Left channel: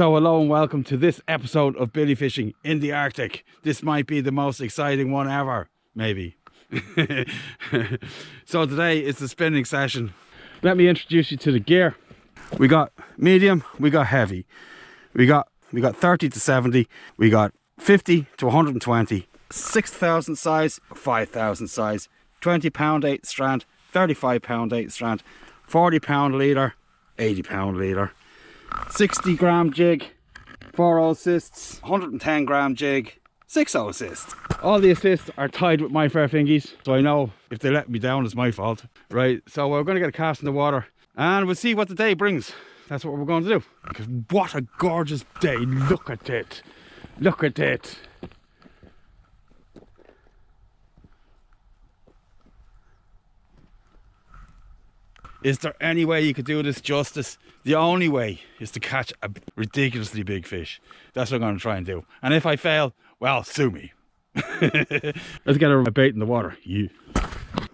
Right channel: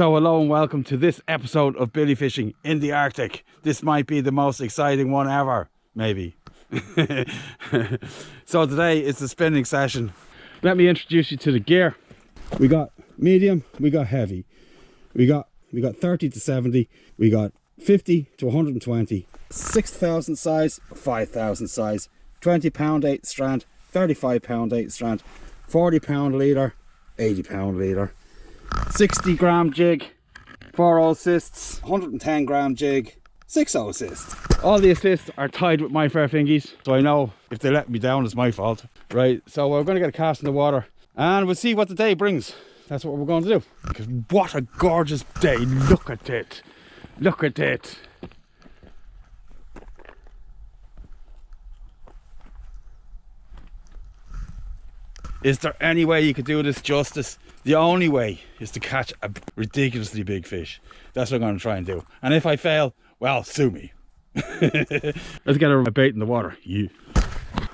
So hello and welcome to this episode of Billy Fishing in the Arctic. This might be the most exciting one ever, maybe. So today it's the spinning session. Let me introduce you to the gear. We got medium, we got heavy. We got 30 to 70, we got 50 to 120, 6,000 size, 5,000 size, 20 pound 8 strand, 35 pound 8 strand, 40 pound leader, 80 pound leader, 60 gram jig, 4 assists, 110 gram jig, 6 assists. All the assists are tied with my fair fingies, so I know if they let me down it's my fault. Right, so we're going to get a cast in the water and we'll see what the day brings. That's what we're going to do. Because what a gorgeous day. Look at it. Look at it. Is there any way you could do this justice? The only way is to catch a ridiculously big fish. That's what I'm going to try and do. And if I fail, well, sue me. Let's get a bait in the water. Yeah.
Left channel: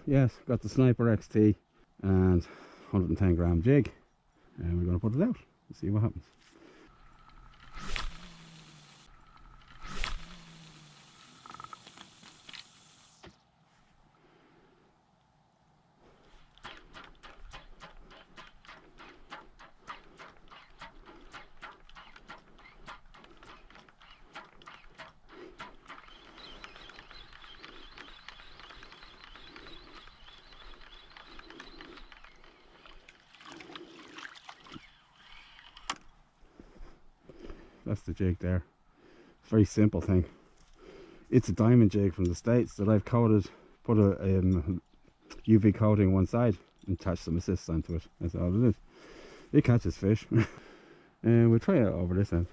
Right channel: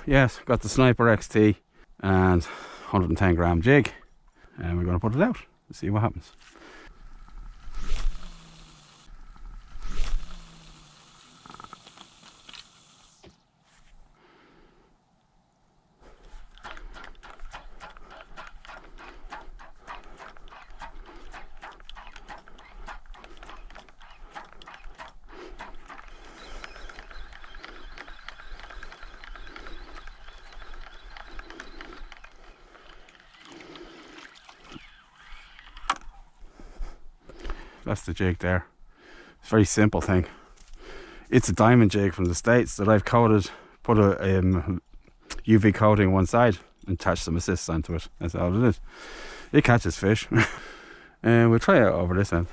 Yes, got the Sniper XT and 110 gram jig. And we're going to put it out and see what happens. That's the jig there. It's a very simple thing. It's a diamond jig from the States that I've coated, put a UV coating on one side and attached some assists onto it. That's all it is. It catches fish. And we'll try it over this end.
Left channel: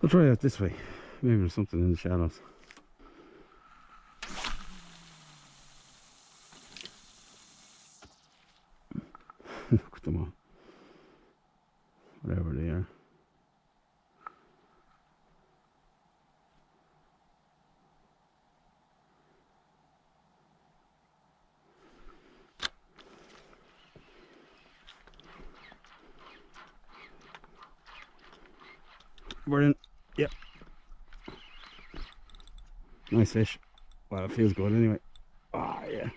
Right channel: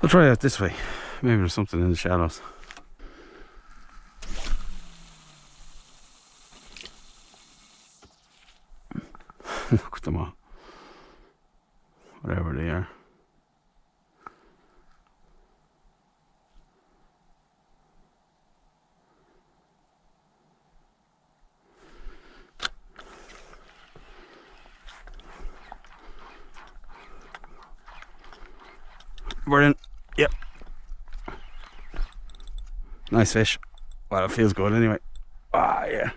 We'll try it this way. Maybe there's something in the shadows. Look at them all. Whatever they are. We're in. Yep. Nice fish. Well, it feels good anyway. Ah, yeah.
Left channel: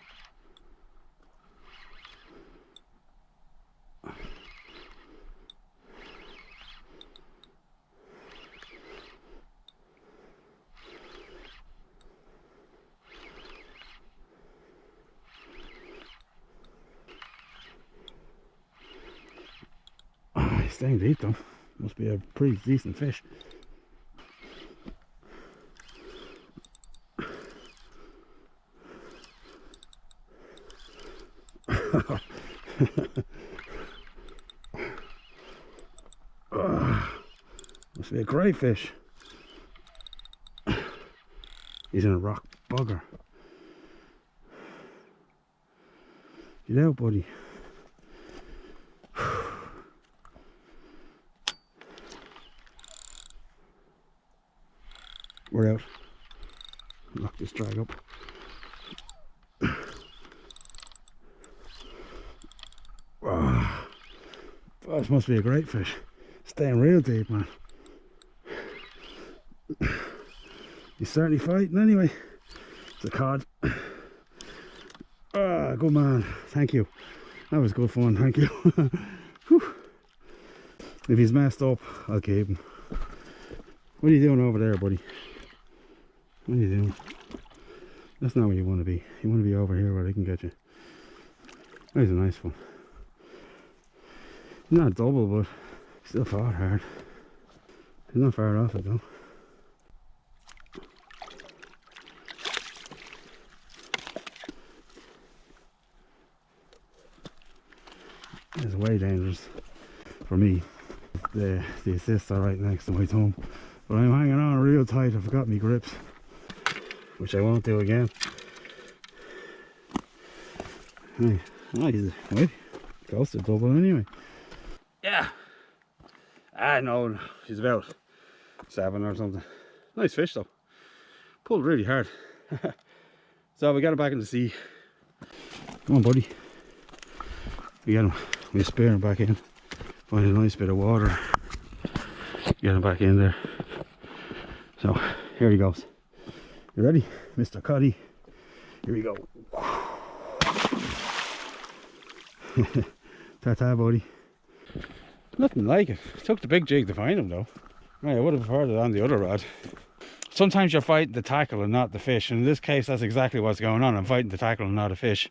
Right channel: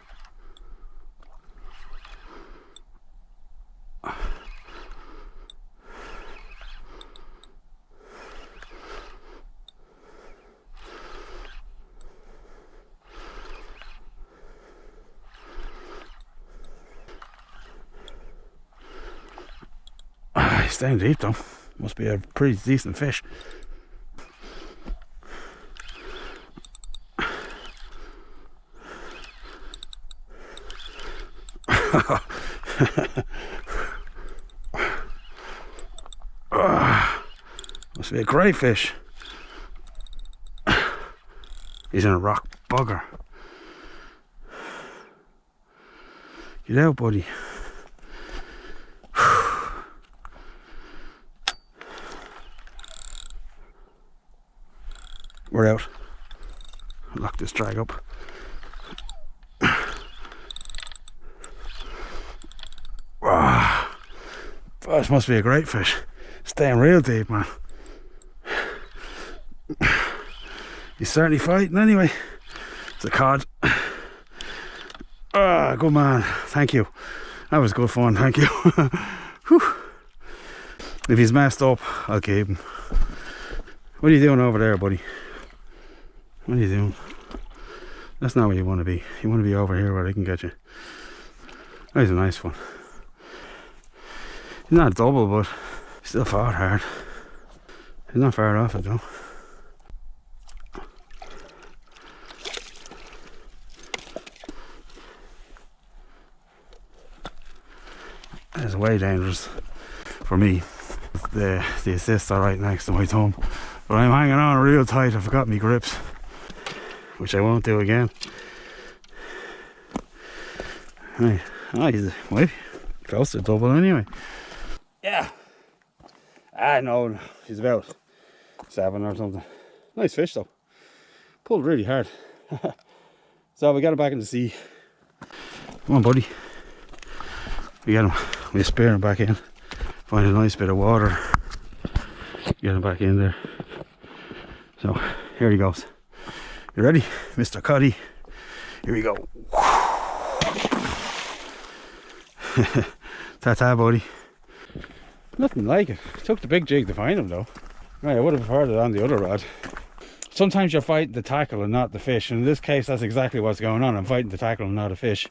He's staying deep though. Must be a pretty decent fish. Must be a great fish. He's in a rock bugger. Get out, buddy. We're out. Lock this drag up. Wow. This must be a great fish. Staying real deep, man. He's certainly fighting anyway. It's a cod. Ah, good man. Thank you. That was good fun. Thank you. Whew. If he's messed up, I'll keep him. What are you doing over there, buddy? What are you doing? That's not where you want to be. You want to be over here where they can get you. That was a nice one. He's not double, but still fought hard. He's not far off it though. It's way dangerous for me. The assists are right next to my thumb, but I'm hanging on real tight. I forgot my grips, which I won't do again. Right. Oh, he's maybe close to double anyway. Yeah. I know he's about 7 or something. Nice fish though. Pulled really hard. So we got him back in the sea. Come on, buddy. We get him. We spear him back in. Find a nice bit of water. Get him back in there. So here he goes. You ready, Mr. Cuddy? Here we go. Ta-ta, buddy. Nothing like it. Took the big jig to find him though. Right, I would have preferred it on the other rod. Sometimes you're fighting the tackle and not the fish, and in this case that's exactly what's going on. I'm fighting the tackle and not a fish.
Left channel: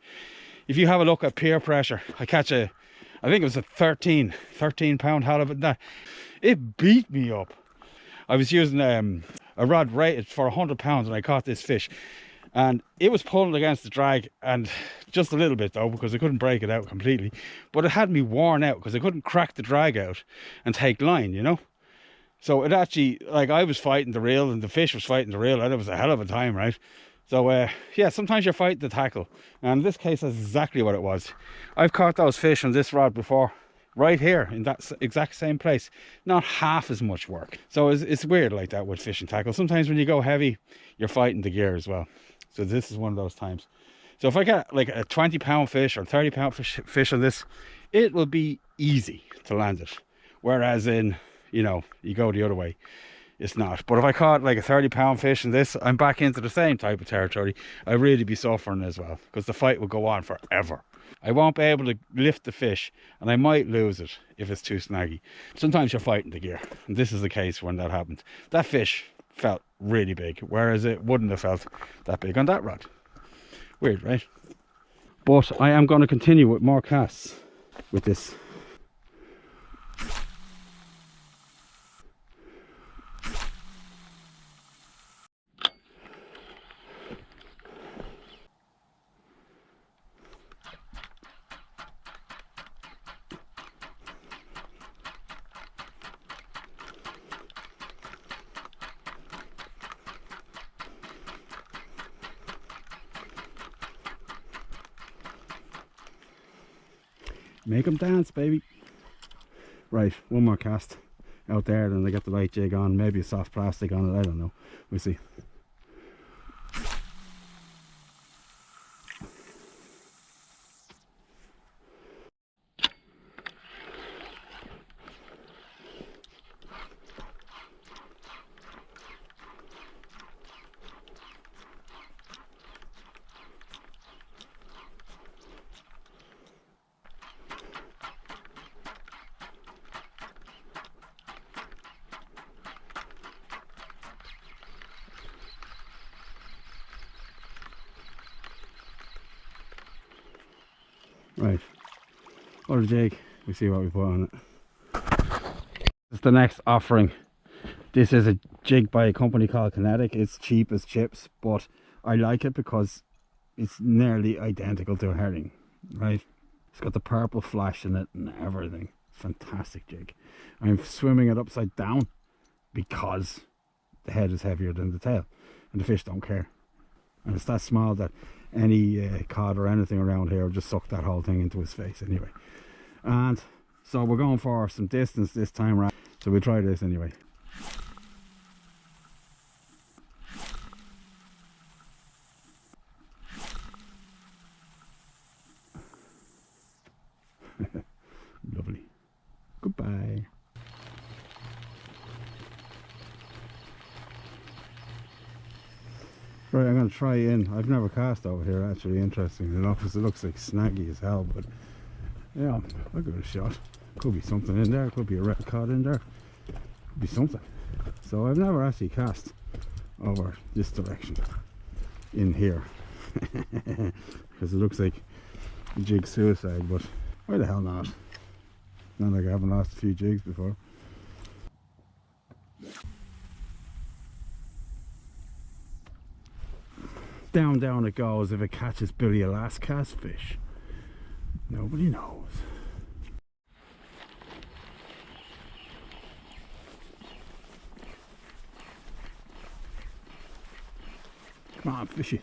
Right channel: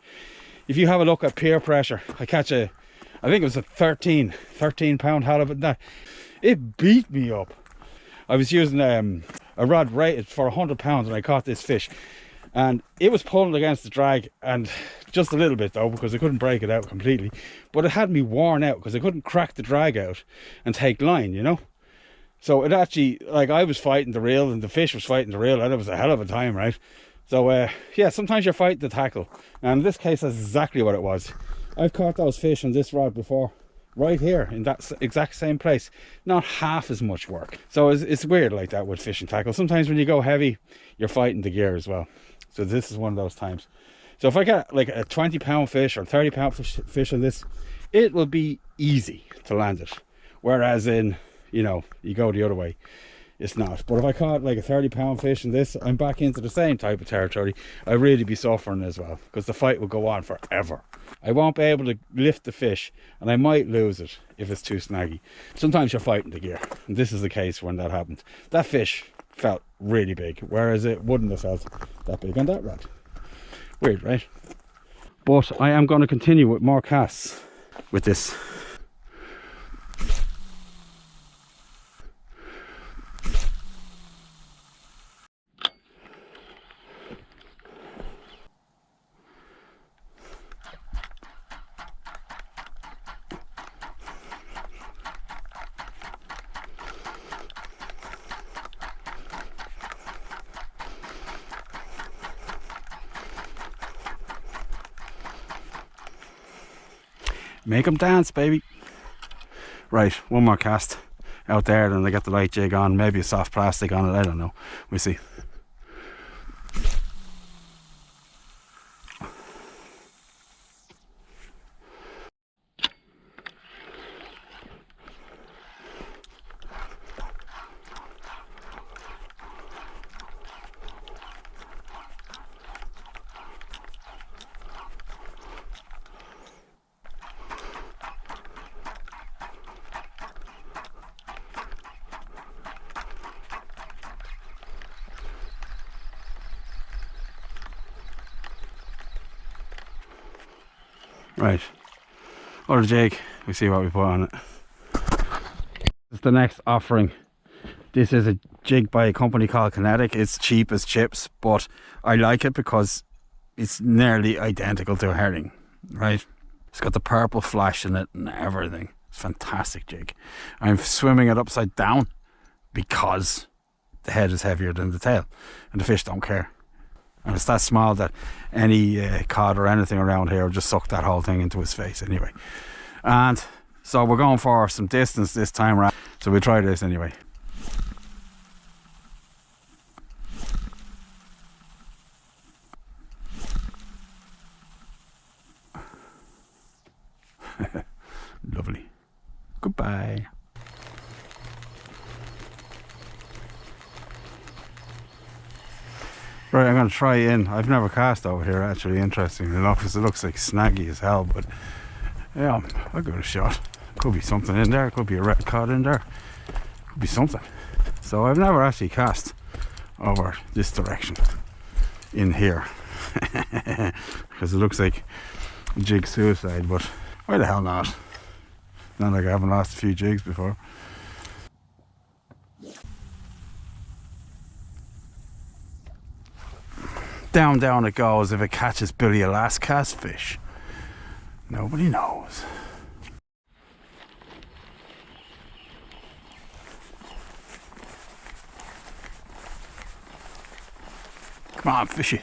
If you have a look at peer pressure, I catch a, I think it was a 13 pound halibut. That it beat me up. I was using a rod rated for 100 pounds and I caught this fish, and it was pulling against the drag, and just a little bit though, because I couldn't break it out completely, but it had me worn out because I couldn't crack the drag out and take line, you know. So it actually, like, I was fighting the reel and the fish was fighting the reel, and it was a hell of a time, right? So yeah, sometimes you're fighting the tackle, and in this case that's exactly what it was. I've caught those fish on this rod before, right here in that exact same place, not half as much work. So it's weird like that with fishing tackle. Sometimes when you go heavy, you're fighting the gear as well. So this is one of those times. So if I get like a 20 pound fish or 30 pound fish on this, it will be easy to land it. Whereas in, you know, you go the other way, it's not. But if I caught like a 30 pound fish in this, I'm back into the same type of territory. I'd really be suffering as well, because the fight will go on forever. I won't be able to lift the fish, and I might lose it if it's too snaggy. Sometimes you're fighting the gear, and this is the case when that happened. That fish felt really big, whereas it wouldn't have felt that big on that rod. Weird, right? But I am going to continue with more casts with this. Make them dance, baby. Right, one more cast out there, then I get the light jig on, maybe a soft plastic on it, I don't know. We'll see. Right, other jig, we see what we put on it. This is the next offering. This is a jig by a company called Kinetic. It's cheap as chips, but I like it because it's nearly identical to a herring, right? It's got the purple flash in it and everything. It's a fantastic jig. I'm swimming it upside down because the head is heavier than the tail, and the fish don't care. And it's that small that any cod or anything around here will just suck that whole thing into his face anyway. And so we're going for some distance this time around, so we'll try this anyway. Lovely. Goodbye. Right, I'm going to try in. I've never cast over here, actually, interestingly enough, because it looks like snaggy as hell, but yeah, I'll give it a shot. Could be something in there, could be a red cod in there, could be something. So I've never actually cast over this direction in here, because it looks like jig suicide, but why the hell not? Not like I haven't lost a few jigs before. Down it goes. If it catches Billy a last cast fish, nobody knows. Come on, fishy.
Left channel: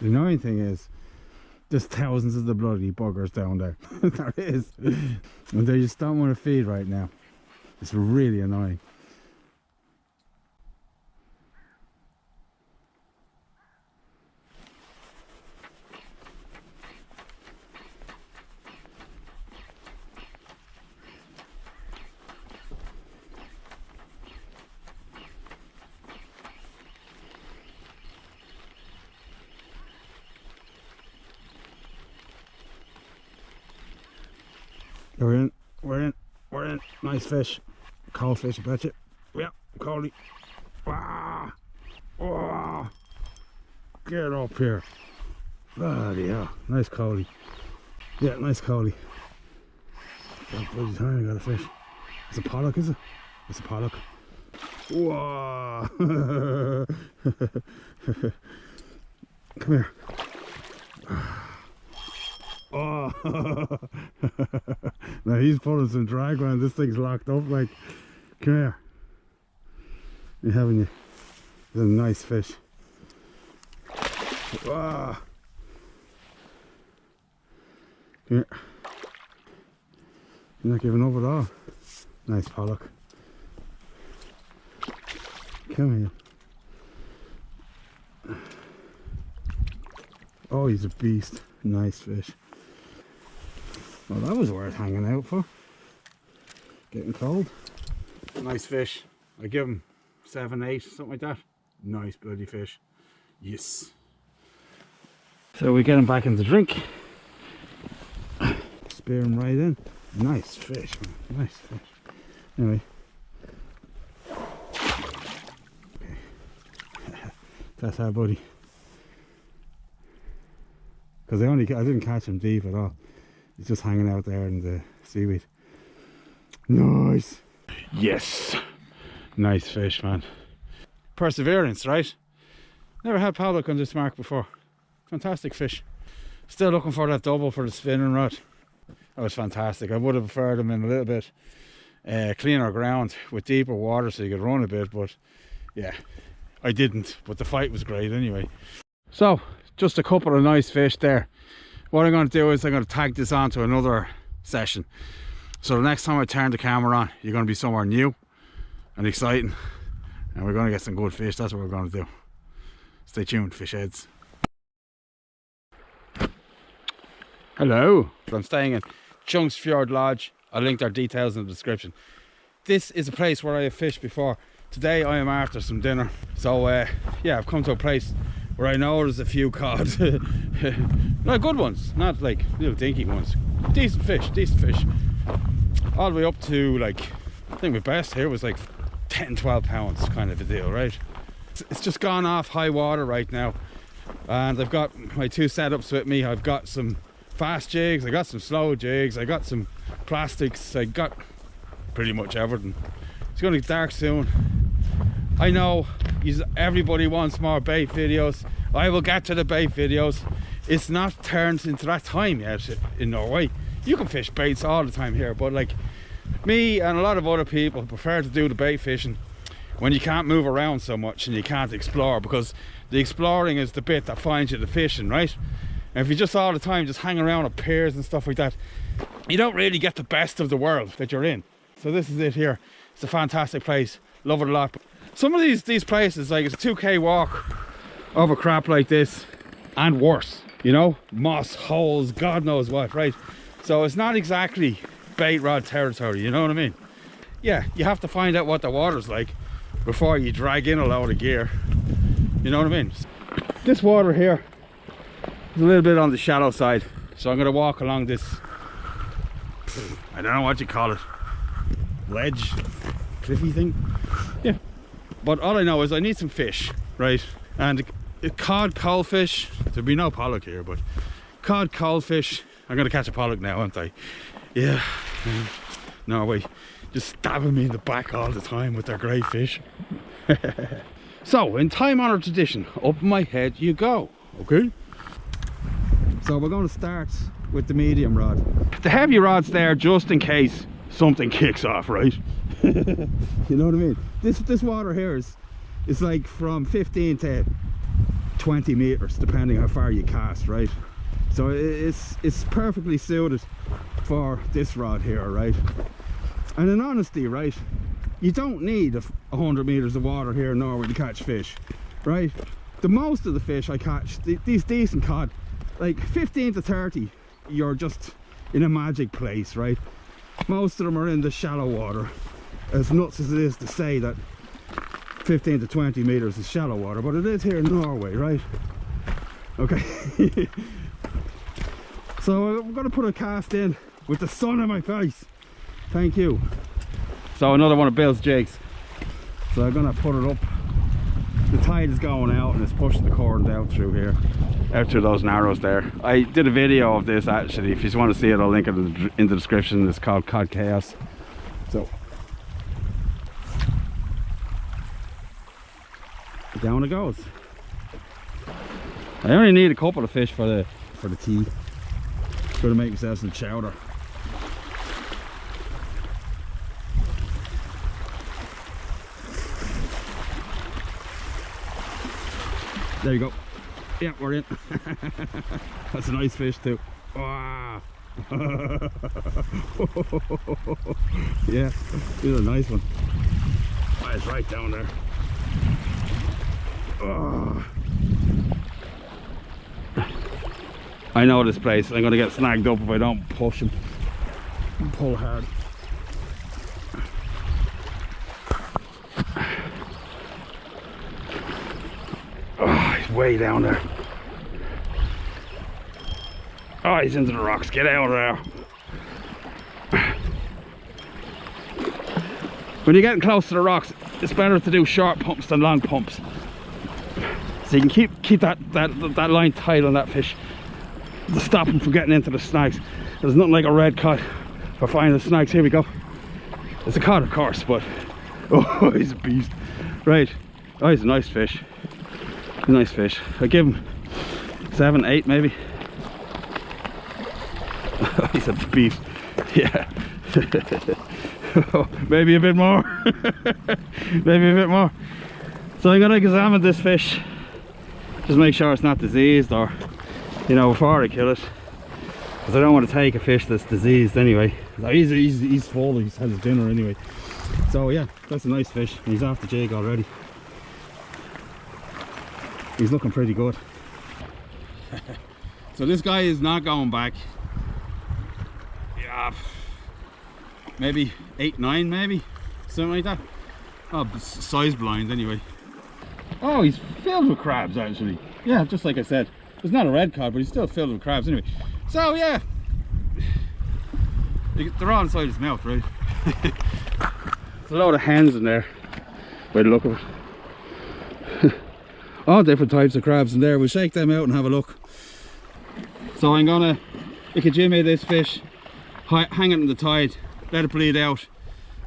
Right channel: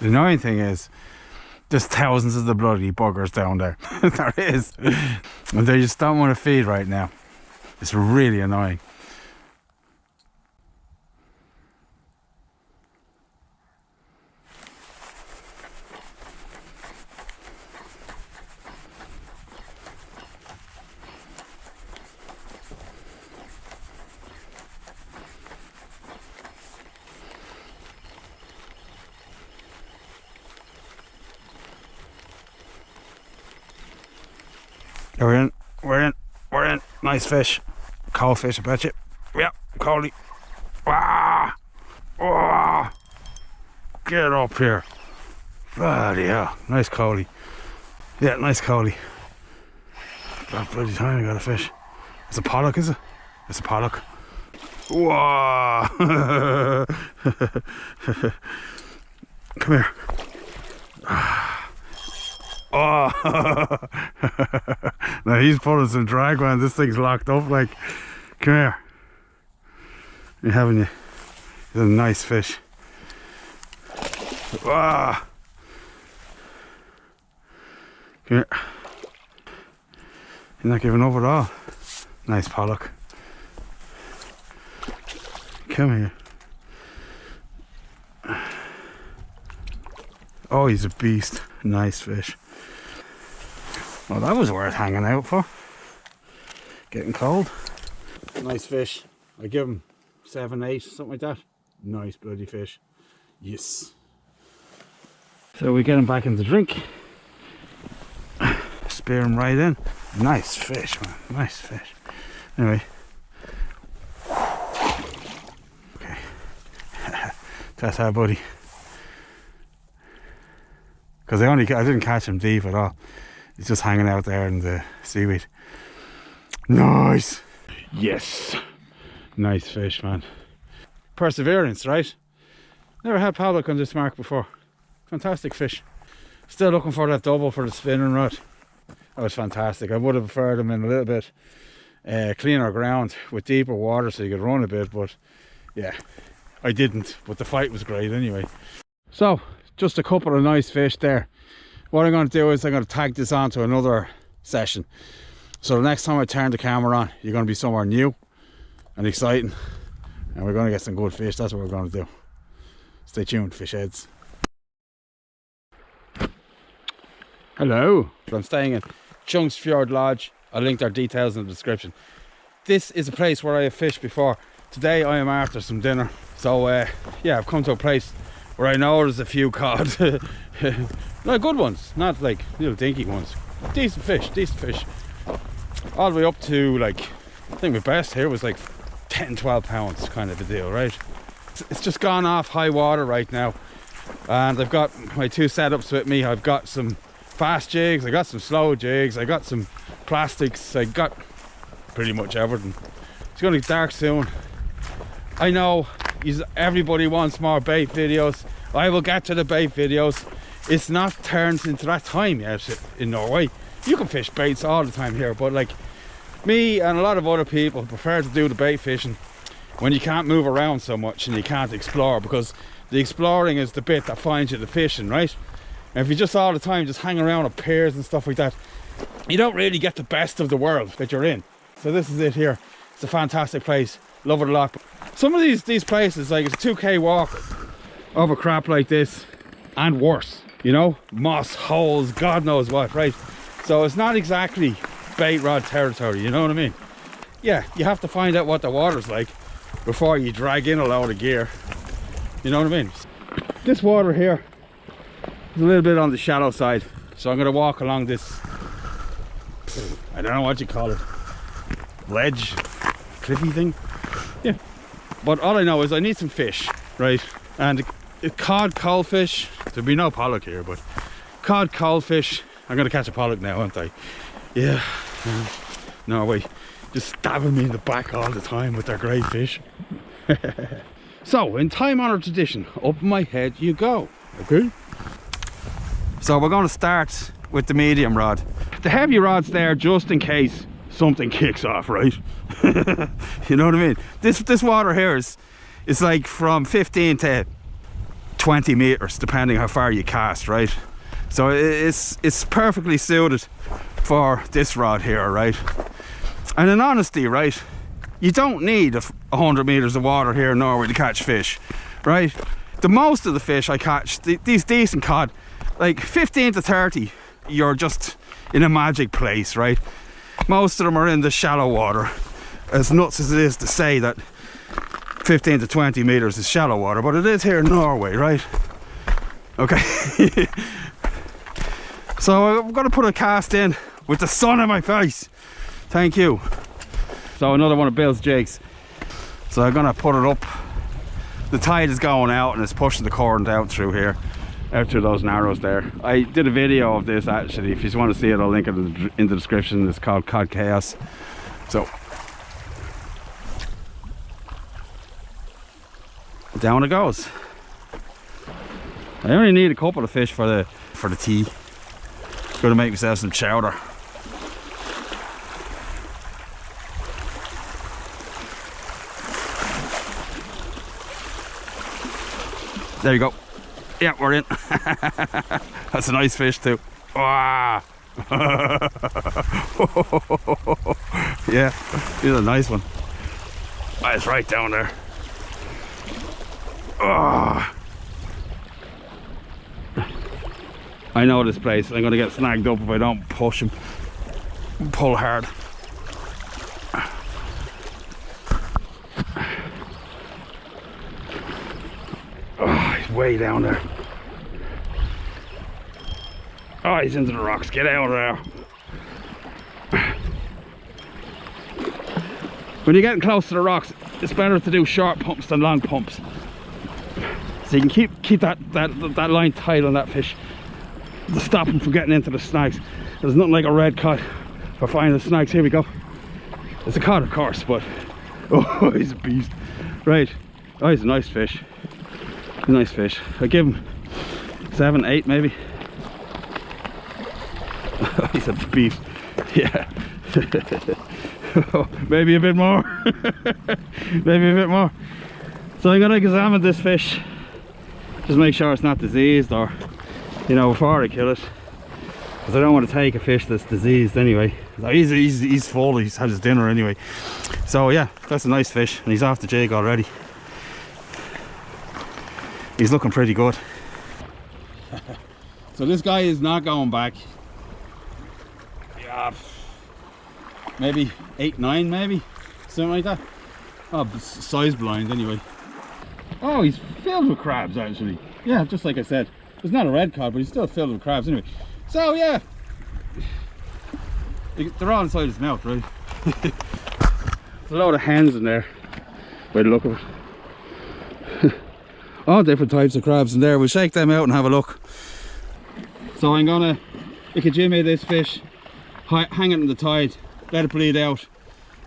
The annoying thing is there's thousands of the bloody buggers down there. There is. And they just don't want to feed right now. It's really annoying. We're in, we're in, we're in. Nice fish. Cold fish, I bet you. Yeah, collie. Ah! Oh! Get up here. Bloody hell. Nice collie. Yeah, nice collie. That bloody time I got a fish. It's a pollock, is it? It's a pollock. Whoa! Come here. Oh! Now he's pulling some drag, man. This thing's locked up. Like, come here. You're having you. It's a nice fish. Wow. Come here. You're not giving up at all. Nice pollock. Come here. Oh, he's a beast. Nice fish. Well, that was worth hanging out for. Getting cold. Nice fish. I give him 7, 8, something like that. Nice bloody fish. Yes. So we get him back in the drink. Spear him right in. Nice fish, man. Nice fish. Anyway. Okay. That's our buddy. Because I didn't catch him deep at all. He's just hanging out there in the seaweed. Nice. Yes. Nice fish, man. Perseverance, right? Never had pollock on this mark before. Fantastic fish. Still looking for that double for the spinning rod. That was fantastic. I would have preferred him in a little bit cleaner ground with deeper water so you could run a bit, but yeah, I didn't. But the fight was great anyway. So, just a couple of nice fish there. What I'm going to do is I'm going to tag this on to another session. So the next time I turn the camera on, you're going to be somewhere new and exciting. And we're going to get some good fish. That's what we're going to do. Stay tuned, fish heads. Hello. I'm staying in Fjord Lodge. I'll link their details in the description. This is a place where I have fished before. Today I am after some dinner. So yeah, I've come to a place where I know there's a few cod. Not good ones, not like little dinky ones. Decent fish. All the way up to, like, I think my best here was like 10, 12 pounds kind of a deal, right? It's just gone off high water right now. And I've got my 2 setups with me. I've got some fast jigs, I got some slow jigs, I got some plastics, I got pretty much everything. It's going to get dark soon. I know everybody wants more bait videos. I will get to the bait videos. It's not turned into that time yet in Norway. You can fish baits all the time here, but like me and a lot of other people prefer to do the bait fishing when you can't move around so much and you can't explore, because the exploring is the bit that finds you the fishing, right? And if you just all the time just hang around at piers and stuff like that, you don't really get the best of the world that you're in. So this is it here. It's a fantastic place. Love it a lot. Some of these places, like, it's a 2k walk over crap like this and worse, you know, moss holes, God knows what, right? So it's not exactly bait rod territory, you know what I mean? Yeah, you have to find out what the water's like before you drag in a load of gear, you know what I mean? This water here is a little bit on the shallow side, so I'm going to walk along this, I don't know what you call it, ledge, cliffy thing. Yeah, but all I know is I need some fish, right? And cod, coalfish, there'll be no pollock here, but cod, coalfish. I'm going to catch a pollock now, aren't I? Yeah. Norway just stabbing me in the back all the time with their great fish. So, in time-honoured tradition, up my head you go, okay? So we're going to start with the medium rod. The heavy rod's there just in case something kicks off, right? You know what I mean? This water here is like from 15 to 20 meters, depending how far you cast, right? So it's perfectly suited for this rod here, right? And in honesty, right, you don't need 100 meters of water here in Norway to catch fish, right? The most of the fish I catch, these decent cod, like 15 to 30, you're just in a magic place, right? Most of them are in the shallow water. As nuts as it is to say that 15 to 20 meters is shallow water, but it is here in Norway, right? Okay. So I'm going to put a cast in with the sun in my face. Thank you. So another one of Bill's jigs. So I'm gonna put it up. The tide is going out and it's pushing the current out through here, out through those narrows there. I did a video of this actually. If you just want to see it, I'll link it in the description. It's called Cod Chaos. So down it goes. I only need a couple of fish for the tea. Gonna make myself some chowder. There you go. Yeah, we're in. That's a nice fish too. Ah. Yeah, he's a nice one. Oh, it's right down there. Oh. I know this place. I'm gonna get snagged up if I don't push him. Pull hard. Oh, he's way down there. Oh, he's into the rocks. Get out of there. When you're getting close to the rocks, it's better to do short pumps than long pumps. So you can keep that line tight on that fish to stop him from getting into the snags. There's nothing like a red cod for finding the snags. Here we go. It's a cod, of course, but oh, he's a beast. Right. Oh, he's a nice fish. Nice fish. I give him 7, 8 maybe. He's a beast. Yeah. Maybe a bit more. Maybe a bit more. So I'm gonna examine this fish, just make sure it's not diseased, or you know, before I kill it, because I don't want to take a fish that's diseased anyway. He's full. He's had his dinner anyway. So yeah, that's a nice fish, and he's off the jig already. He's looking pretty good. So this guy is not going back. Yeah, maybe 8, 9 maybe, something like that. Oh, size blind anyway. Oh, he's filled with crabs actually. Yeah, just like I said. It's not a red cod, but he's still filled with crabs anyway. So yeah, they're all inside his mouth, right? There's a load of hens in there by the look of it. All different types of crabs in there. We'll shake them out and have a look. So I'm gonna jimmy this fish, hang it in the tide, let it bleed out,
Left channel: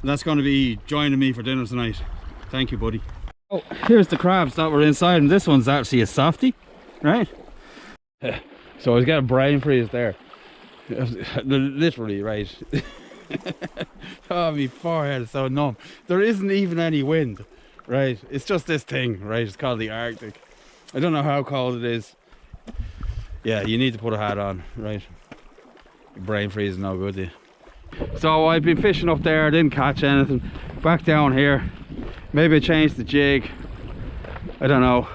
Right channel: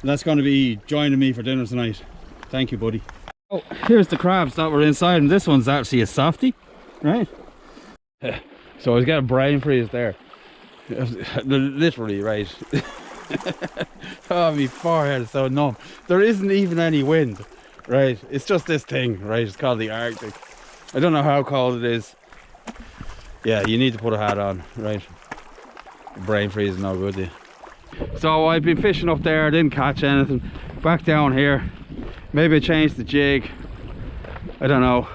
and that's gonna be joining me for dinner tonight. Thank you, buddy. Oh, here's the crabs that were inside, and this one's actually a softie, right? So I was getting brain freeze there. Literally, right? Oh, my forehead is so numb. There isn't even any wind, right? It's just this thing, right? It's called the Arctic. I don't know how cold it is. Yeah, you need to put a hat on, right? Brain freeze is no good to you. So I've been fishing up there, didn't catch anything. Back down here, maybe I changed the jig, I don't know,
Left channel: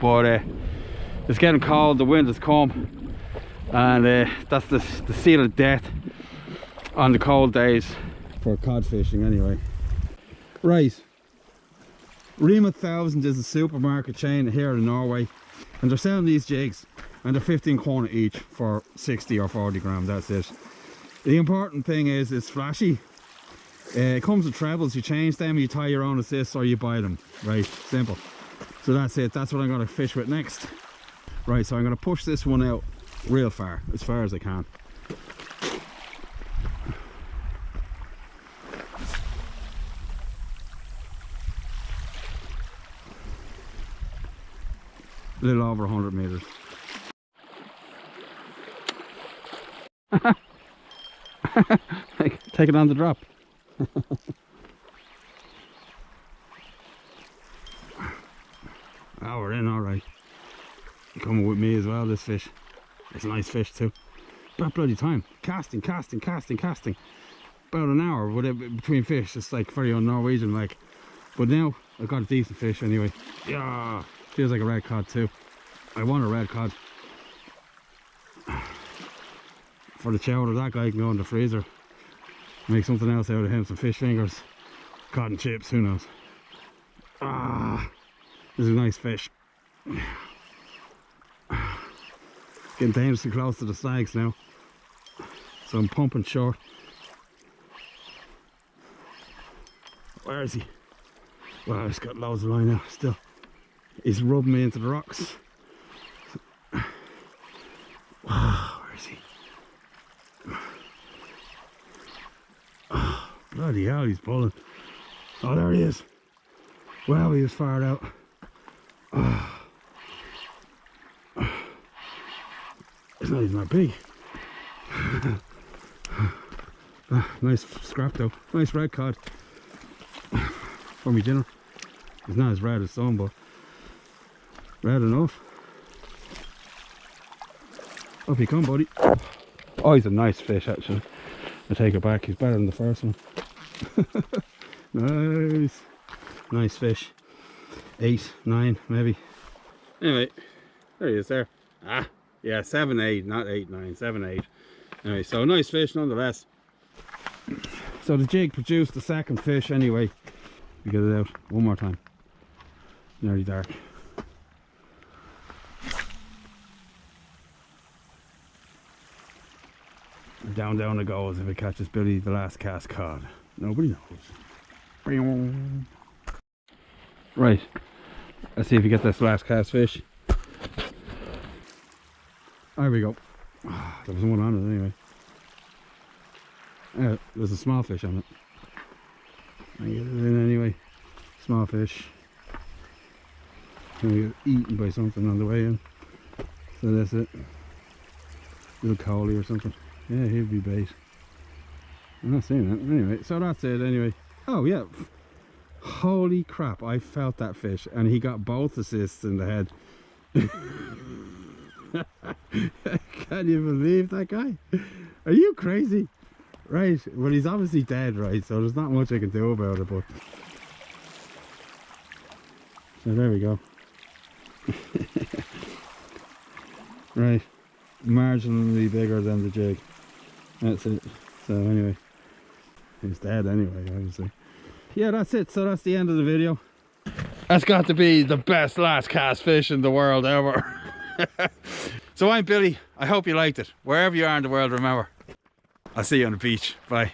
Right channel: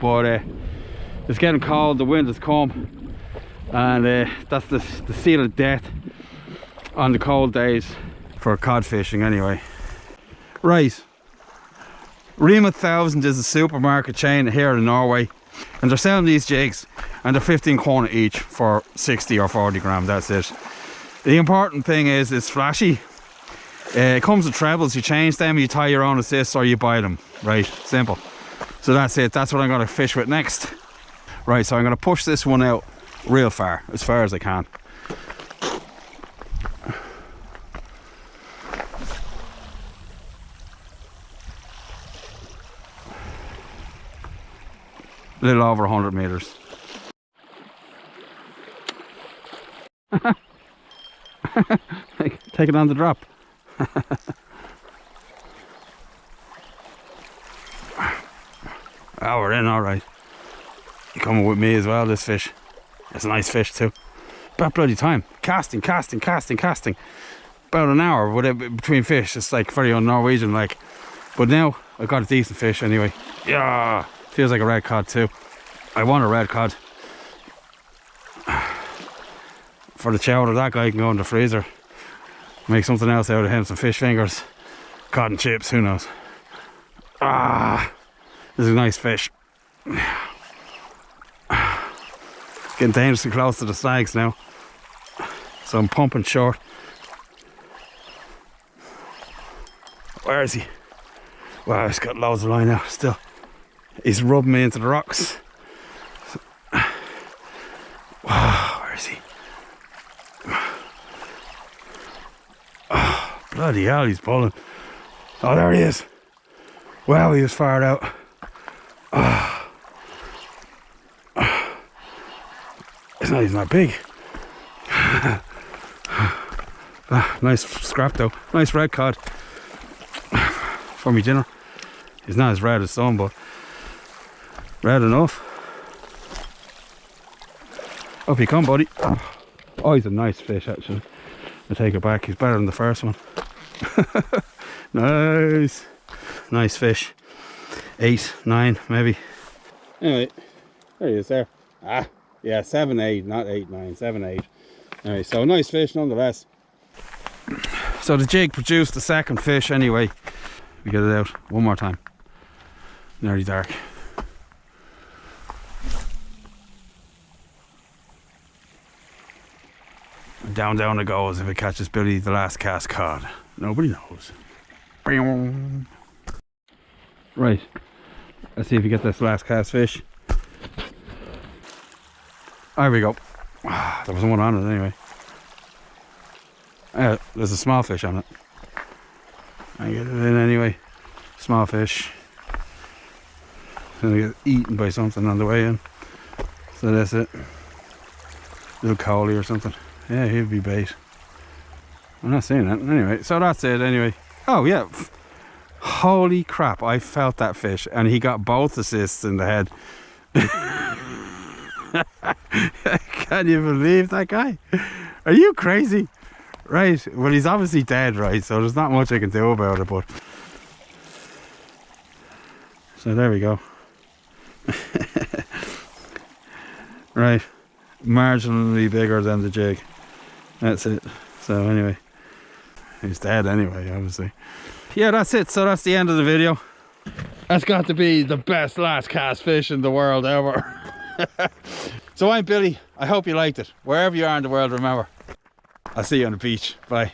but it's getting cold, the wind has come, and that's the seal of death on the cold days for cod fishing anyway. Right, Rema 1000 is a supermarket chain here in Norway, and they're selling these jigs, and they're 15 krona each for 60 or 40 gram, that's it. The important thing is it's flashy. It comes with trebles, you change them, you tie your own assists, or you buy them, right? Simple. So that's it, that's what I'm going to fish with next. Right, so I'm going to push this one out real far as I can. A little over 100 meters. Take it on the drop. Oh, we're in all right. You coming with me as well, this fish. It's a nice fish too. About bloody time. Casting. About an hour between fish. It's like very un-Norwegian like. But now I've got a decent fish anyway. Yeah, feels like a red cod too. I want a red cod. For the chowder, that guy can go in the freezer. Make something else out of him, some fish fingers, cod and chips, who knows. Ah, this is a nice fish. Getting dangerously close to the snags now. So I'm pumping short. Where is he? Wow, he's got loads of line now still. He's rubbing me into the rocks. Wow, where is he? Oh, bloody hell, he's pulling. Oh, there he is. Wow, he was fired out. Oh. It's not even that big. Nice scrap though. Nice red cod for me dinner. He's not as red as some, but red enough. Up you come, buddy. Oh, he's a nice fish actually. I take it back, he's better than the first one. Nice. Nice fish. 8, 9 maybe. Anyway, there he is there. Ah, yeah, 7, 8, not 8, 9, 7, 8. Anyway, so nice fish nonetheless. So the jig produced the second fish anyway. We get it out one more time. Nearly dark. And down it goes if it catches Billy the last cast cod. Nobody knows. Right, let's see if we get this last cast fish. There we go. There was one on it anyway. There's a small fish on it. I get it in anyway. Small fish. Gonna get eaten by something on the way in. So that's it. Little collie or something. Yeah, he'd be bait. I'm not seeing that. Anyway, so that's it anyway. Oh yeah. Holy crap, I felt that fish and he got both assists in the head. Can you believe that guy? Are you crazy? Right, well he's obviously dead, right, so there's not much I can do about it, but so there we go. Right, marginally bigger than the jig. That's it. So anyway, he's dead anyway, obviously. Yeah, that's it. So that's the end of the video. That's got to be the best last cast fish in the world ever. So I'm Billy. I hope you liked it. Wherever you are in the world, remember, I'll see you on the beach. Bye.